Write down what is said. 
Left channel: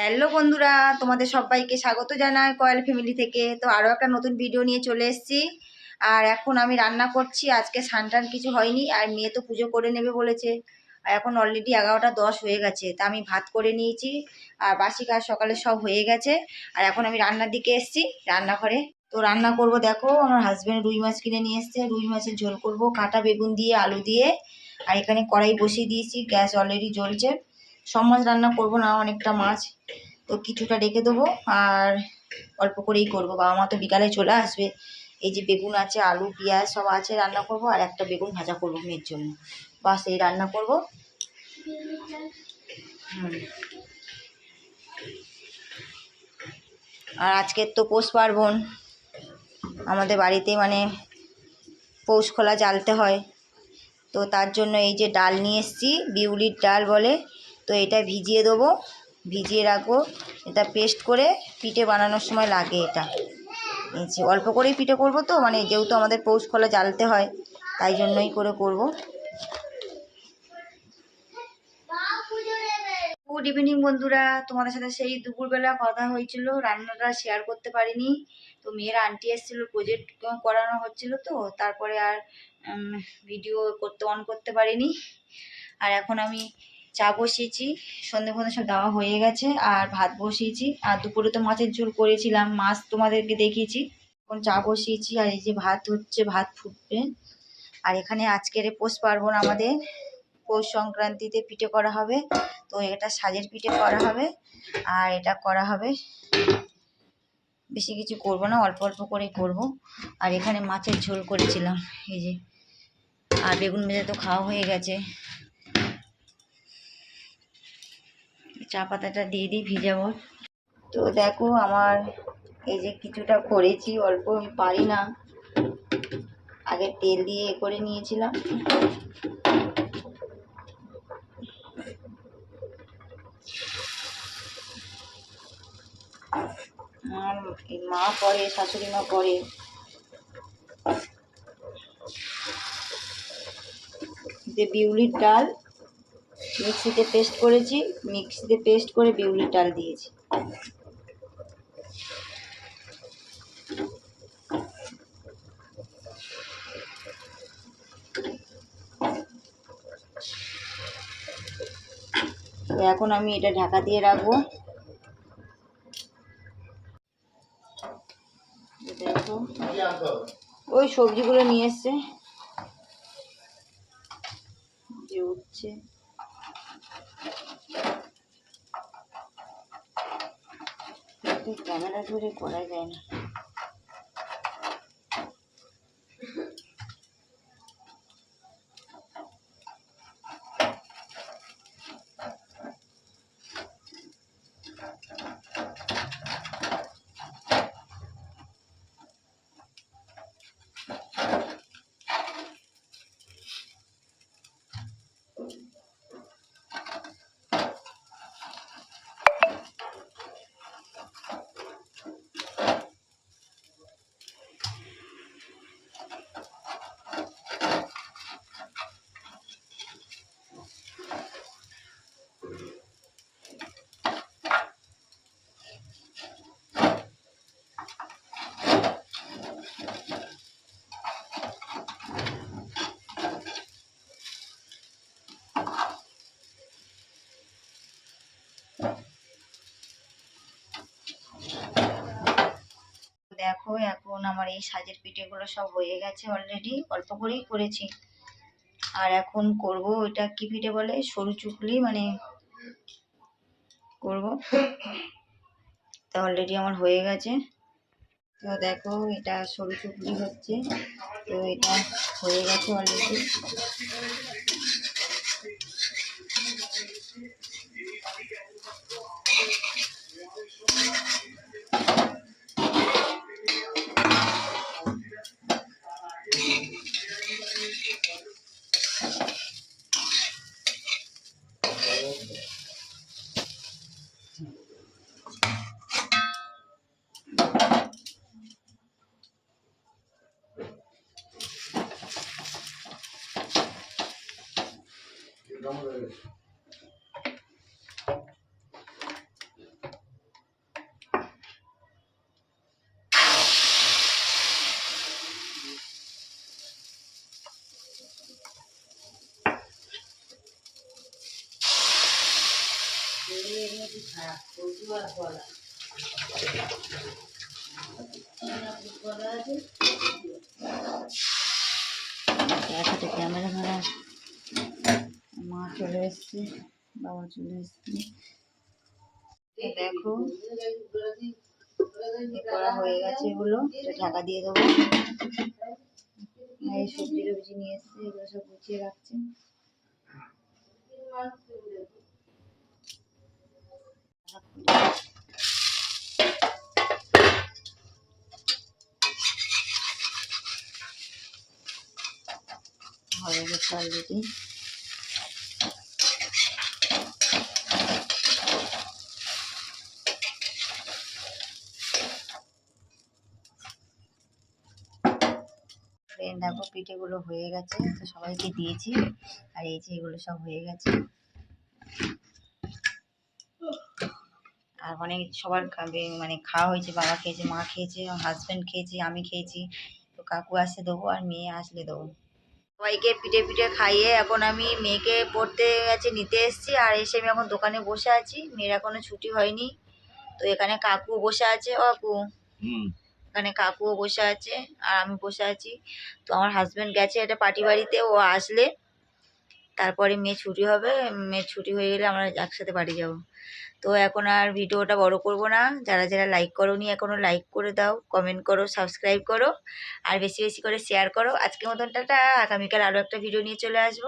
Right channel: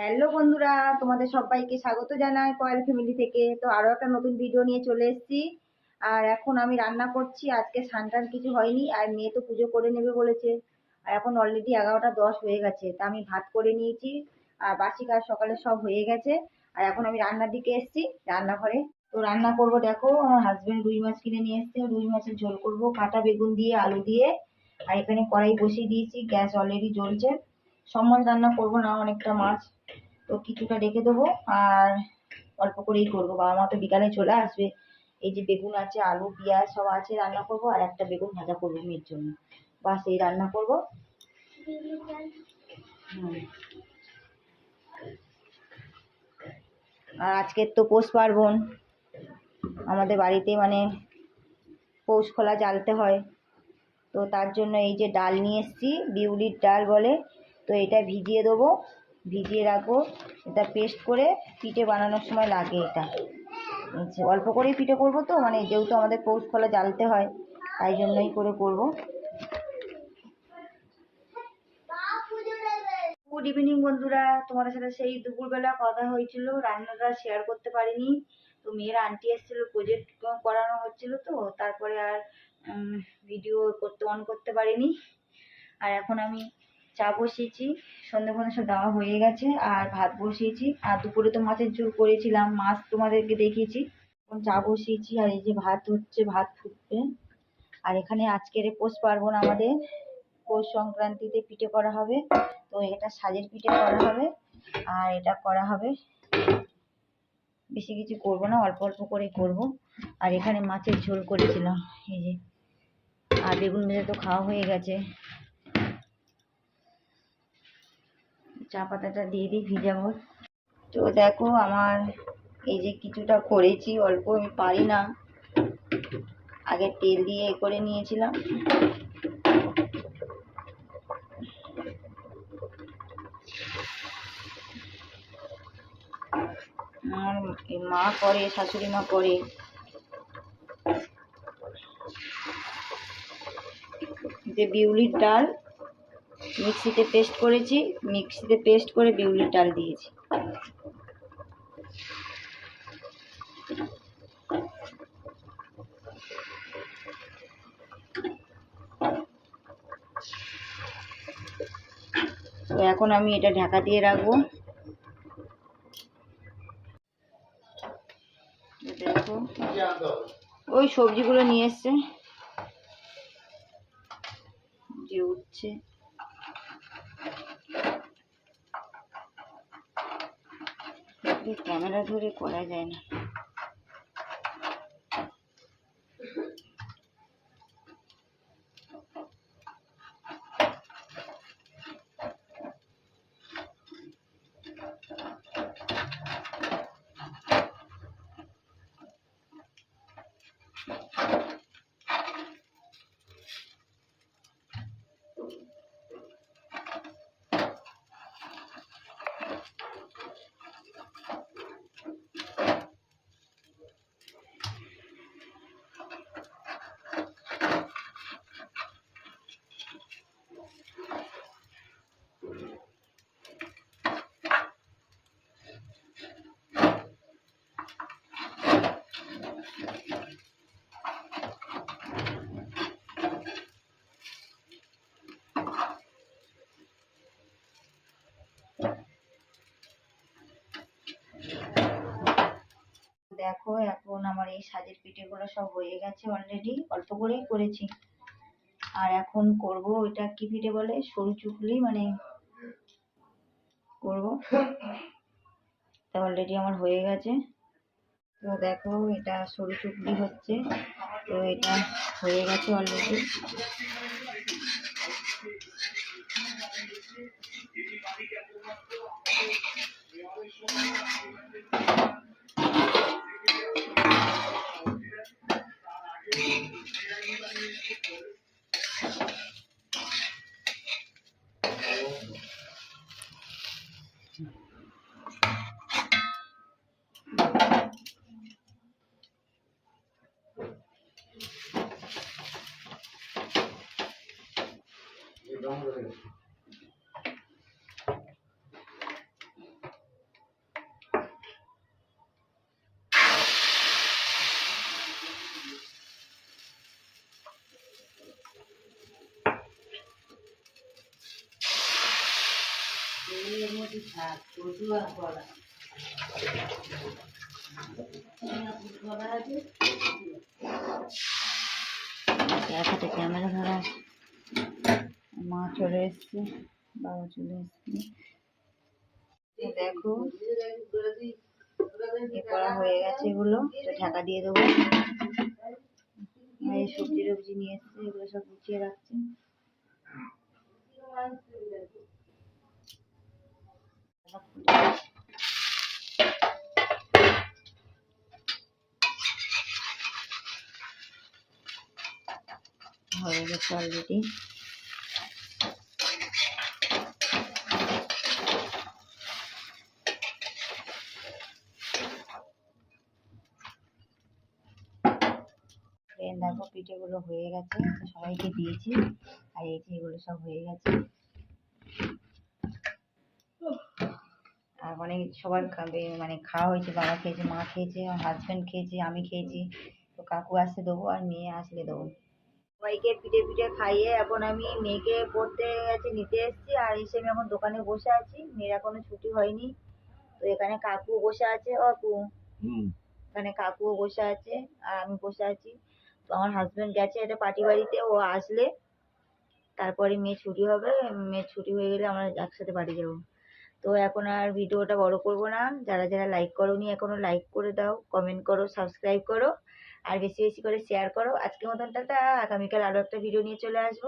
Hello বন্ধুরা, তোমাদের সবাইকে স্বাগত জানাই কয়েল ফ্যামিলি থেকে। তো আরও একটা নতুন ভিডিও নিয়ে চলে এসেছি। আর এখন আমি রান্না করছি, আজকে সানটান কিছু হয়নি, আর মেয়ে তো পুজো করে নেবে বলেছে। আর এখন অলরেডি এগারোটা দশ হয়ে গেছে, তা আমি ভাত করে নিয়েছি, আর বাসি কাজ সকালে সব হয়ে গেছে। আর এখন আমি রান্নার দিকে এসেছি, রান্নাঘরে। তো রান্না করব দেখো, আমার হাজব্যান্ড রুই মাছ কিনে নিয়ে এসছে। রুই মাছের ঝোল করব, কাটা বেগুন দিয়ে, আলু দিয়ে। আর এখানে কড়াই বসিয়ে দিয়েছি, গ্যাস অলরেডি জ্বলছে। সব মাছ রান্না করব না, অনেকটা মাছ। তো কিছুটা রেখে দেবো আর অল্প করেই করব। বাবা মা তো বিকালে চলে আসবে। এই যে বেগুন আছে, আলু, পেঁয়াজ সব আছে রান্না করব আর একটা বেগুন ভাজা করব মেয়ের জন্য। বাস, এই রান্না করব। হুম। আর আজকের তো পৌষ পার্বণ। আমাদের বাড়িতে মানে পৌষ খোলা জ্বালতে হয়। তো তার জন্য এই যে ডাল নিয়ে এসেছি, বিউলির ডাল বলে। তো এটা ভিজিয়ে দেবো। ভিজিয়ে রাখব। এটা পেস্ট করে পিঠে বানানোর সময় লাগে এটা। অল্প করেই পিঠে করব তো মানে যেহেতু আমাদের পৌষ খোলা জ্বালতে হয়, তাই জন্যই করে করব। গুড ইভিনিং বন্ধুরা। তোমাদের সাথে সেই দুপুরবেলা কথা হয়েছিল, রান্নাটা শেয়ার করতে পারিনি। তো মেয়ের আন্টি এসেছিল প্রজেক্ট করানো হচ্ছিল তো, তারপরে আর ভিডিও করতে অন করতে পারিনি। আর এখন আমি চা বসিয়েছি, সন্ধে ফন্ধে সব দেওয়া হয়ে গেছে, আর ভাত বসিয়েছি, আর দুপুরে তো মাছের ঝোল করেছিলাম, মাছ তোমাদেরকে দেখিয়েছি। এখন চা বসিয়েছি, আর এই যে ভাত হচ্ছে, ভাত ফুটবে। আর এখানে আজকের পৌষ পার্বণ আমাদের, পৌষ সংক্রান্তিতে পিঠে করা হবে, তো এটা সাজের পিঠে করা হবে, আর এটা করা হবে। বেশি কিছু করব না, অল্প অল্প করেই করব। আর এখানে মাছের ঝোল করেছিলাম, এই যে। আর বেগুন ভেজে তো খাওয়া হয়ে গেছে। চা পাতাটা দিয়ে দিই ভিজাবো তো দেখো আমার এই যে কিছুটা করেছি, অল্প আমি পারি না। আগে তেল দিয়ে এ করে নিয়েছিলাম। এই মা করে, শাশুড়ি মা করে। যে বিউলির ডাল মিক্সিতে পেস্ট করেছি, মিক্সিতে পেস্ট করে বিউলির ডাল দিয়েছি। তো এখন আমি এটা ঢাকা দিয়ে রাখব। দেখো, ওই সবজিগুলো নিয়ে এসছে। যে উঠছে। ক্যামেরা ধরে করা যায় না। দেখো, এখন আমার এই সাজের পিঠেগুলো সব হয়ে গেছে অলরেডি অল্প করেই করেছি। আর এখন করব ওইটা কি পিঠে বলে? সরু চুকলি মানে করব। তো অলরেডি আমার হয়ে গেছে। তো দেখো, এটা সরু চুকলি হচ্ছে। তো এটা হয়ে গেছে অলরেডি শাক কচু আর কলা আছে এক ক্যামেরা ধরা। মা চলে এসছে, বাবা চলে এসছে। দেখো করা হয়ে গেছে এগুলো ঢাকা দিয়ে দেবো। এই সবজি টবজি নিয়ে এসছে, এগুলো সব গুছিয়ে রাখছে। হয়ে গেছে অলরেডি দেখো, পিঠেগুলো হয়ে গেছে সবাইকে দিয়েছি। আর এই যে এগুলো সব হয়ে গেছে। অনেক সবার খাবে মানে খাওয়া হয়েছে বাবা খেয়েছে মা খেয়েছে হাজব্যান্ড খেয়েছে আমি খেয়েছি। তো কাকু আসলে দেবো আর মেয়ে আসলে দেবো। সবাইকে পিঠে পিঠে খাইয়ে এখন আমি মেয়েকে পড়তে গেছে নিতে এসেছি। আর এসে আমি এখন দোকানে বসে আছি। মেয়ের এখনও ছুটি হয়নি। তো এখানে কাকু বসে আছে। কাকু। এখানে কাকুও বসে আছে। আর আমি বসে আছি। তো আমার হাজব্যান্ড গেছে একটা পার্টি বাড়িতে। ও আসলে তারপরে মেয়ে ছুটি হবে মেয়ের ছুটি হয়ে গেলে আমরা একসাথে বাড়ি যাব। তো এখন আর ভিডিওটা বড় করব না। যারা যারা লাইক করো নি এখনও লাইক করে দাও কমেন্ট করো সাবস্ক্রাইব করো, আর বেশি বেশি করে শেয়ার করো। আজকের মতন টাটা, আগামীকাল আরও একটা ভিডিও নিয়ে চলে আসব।